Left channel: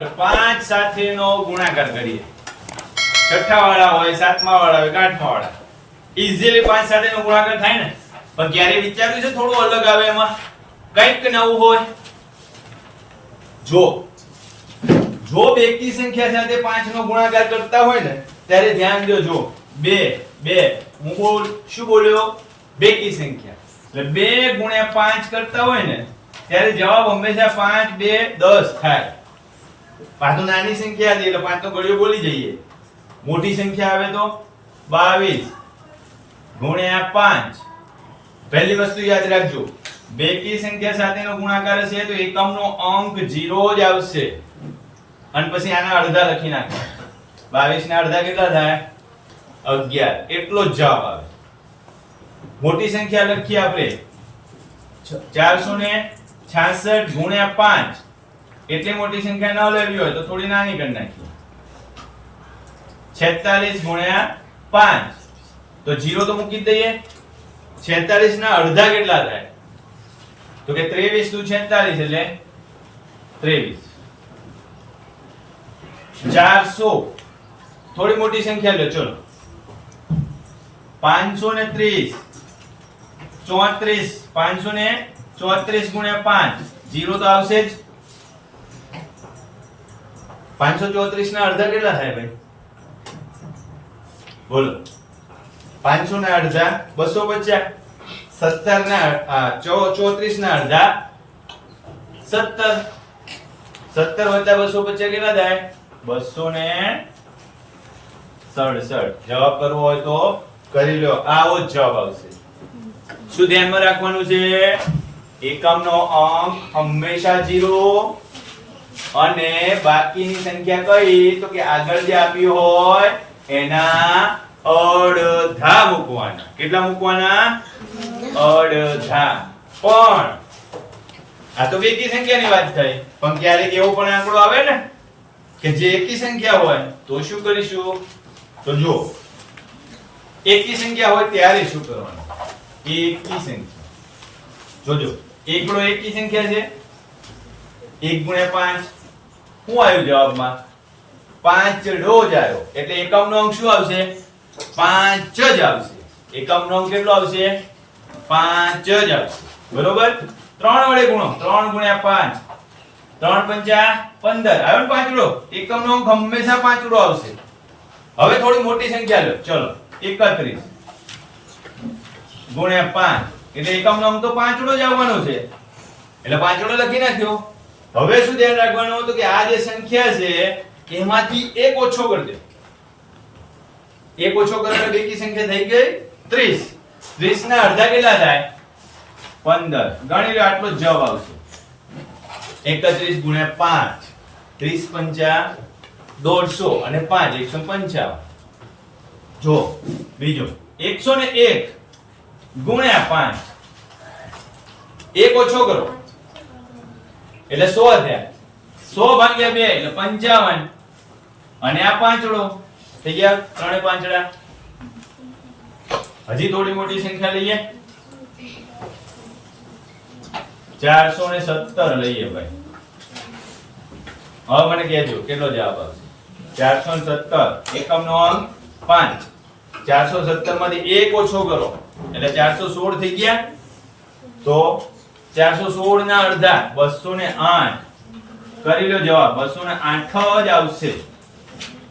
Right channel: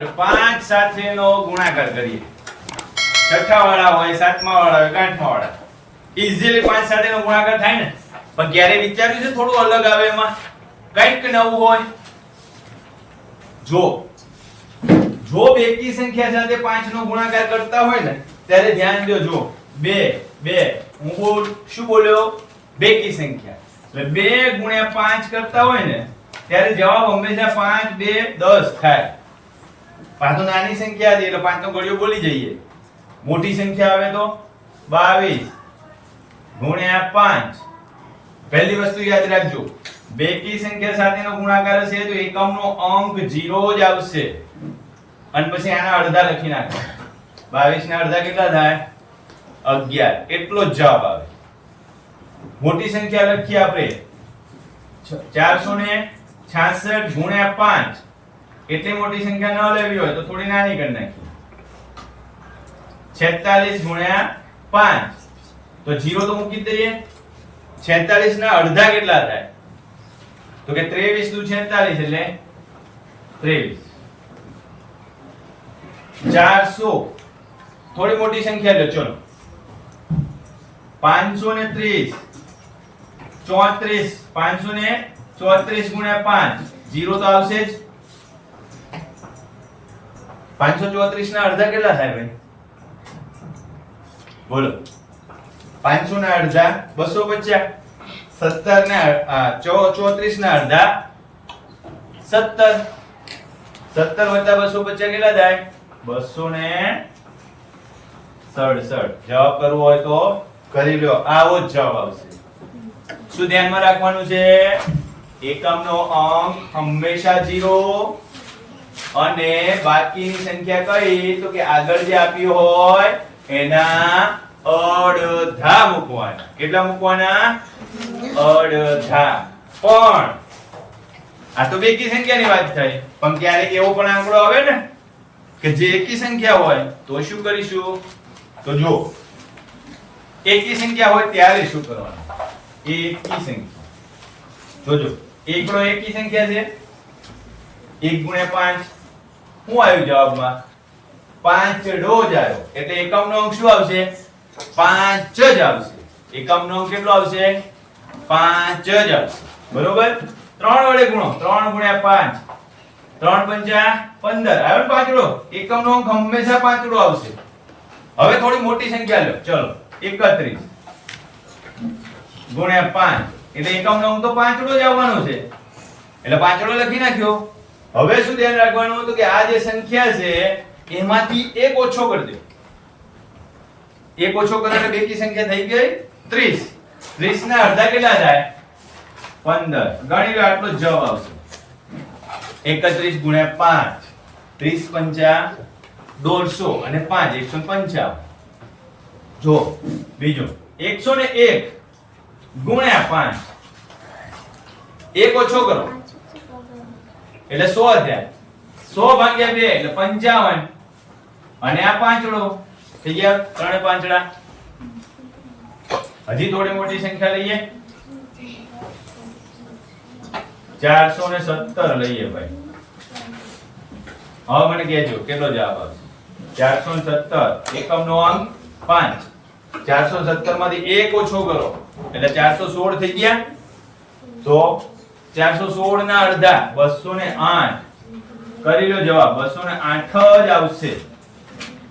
5 સાથેનો ગુણાકાર કરીએ. છઠ્ઠા વાળા હોય, સાતમા વાળા હોય, આઠમા વાળા ઈઝીલી 5 સાથેનો ગુણાકાર થાય ને. પણ ક્યારે વિચાર્યું છે થોડું અલગ આવે એમાં, કંઈક નવું હોય? જો બેકી સંખ્યા સાથે 5 નો ગુણાકાર કરતા હોય ને ત્યારે ધ્યાન દો. જો 2 હું શું બોલ્યો? બેકી સંખ્યા એટલે 2 ગુણ્યા 5 કરતા હોય ને ત્યારે જવાબ હંમેશા 5 2 10 થાય. પાછો નાની સંખ્યા હતી એટલે 5 નો ગળિયો બોલી જઈએ. મોટી સંખ્યા આવે તો 22 ગુણ્યા 5. પહેલી વસ્તુ યાદ રાખજો, બેકી સંખ્યા સાથેનો ગુણાકાર હશે તો એકમનો અંક 0 જ આવશે. અને પછી આના અડધા લખી નાખો. 22 ના અડધા કેટલા થાય? 11. એટલો જ જવાબ આવે. મોટી સંખ્યા લખીએ આપણે 466 ગુણ્યા 5. એટલી મોટી સંખ્યા ન લેવી હોય તો થોડી નાની કરી નાખીએ. 46 ગુણ્યા 5 તો 0 તો મૂકી દઈએ. 46 ના અડધા કેટલા થાય? તો કે 23 દુ 46 એટલે 23. 400 થોડી મોટી સંખ્યા લો. ચલો 530 34 534 ગુણ્યા 5 0 તો આવશે જ. 534 ના અડધા કેટલા થાય ભાઈ? બોલો. 500 ના અડધા 250. 17 ના 34 ના અડધા 17. 17 વત્તા 250 કેટલા થાય? 267. જવાબ કરવો હોય તો કરી લો. આવો જ જવાબ આવશે. શું ધ્યાનમાં રાખવાનું છે? એકમનો અંક હંમેશા 0 અને બાકીની સંખ્યા કઈ? તો કે આગળ જે આપ્યું હોય એના અડધા મૂકવાના. કેટલા મૂકવાના? અડધા. પણ આ તો બેકી સંખ્યાની વાત થઈ. પણ ક્યારેક એવો પણ આંકડો આવે ને કે જે એકી સંખ્યા હોય તો શું કરીશું? તો જો એકી સંખ્યા હોય ત્યારે શું કરવાનું? એકી સંખ્યા જોજો. એકડો એકી સંખ્યા છે. 1 ગુણ્યા 5 શું આવ્યું જવાબમાં? 5 ડો જ આવ્યો. એટલે એકમનો અંક શું આવશે? 5 જ આવશે. એકમનો અંક કેટલો આવશે? 5 જ આવશે. બરોબર? 3 વડે ગુણો. 3 ગુણ્યા 5 3 પંચા 15 આવ્યો ને પાંચડો. એકમનો અંક હંમેશા પાંચડો આવશે. હવે થોડી મોટી સંખ્યા લો. ચલો 31 ગુણ્યા 5 એટલે એકમનો અંક તો પાંચડો જ આવવાનો છે. એટલે પાંચડો લખી નાખ્યો. હવે શું ધ્યાન રાખવાનું હતું કે આ જે સંખ્યા છે એમાંથી એક ઓછો કરી દે. એક ઓછો કરીને બેકી સંખ્યા થઈ ગઈ 30. 30 ના અડધા કેટલા થાય? 15. ગણી લો. આટલો જ જવાબ આવશે. 31 ગુણ્યા 5 30 પંચા 150 અને 5 155. જો બીજો 101 ગુણ્યા 5 એક ઓછો કરો એટલે 100 થયા. 100 ભાગ્યા 2 એટલે 55. અને આ પાંચડો થઈ ગયા. ત્રણે પાંચડા. હજી થોડી મોટી સંખ્યા લઈએ. 417 લઈએ ભાઈ. હવે મને કહેજો કેટલો જવાબ આવશે? 417. એકમનો અંક 5. 417 માંથી એક ઓછો કરો એટલે 416 થઈ ગયા. તો 416 ના અડધા 208. કરી લો જવાબ. 208 જ આવશે.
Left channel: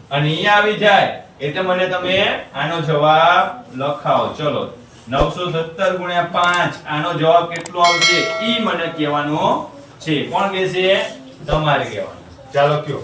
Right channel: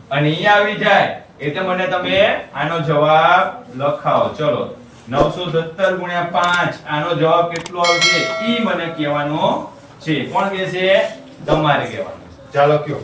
અને અહીં આવી જાય એટલે મને તમે આનો જવાબ લખાવો. ચલો 917 ગુણ્યા 5 આનો જવાબ કેટલો આવશે ઈ મને કહેવાનો છે. કોણ કહેશે? તમારે કહેવાનું. ચાલો કયો.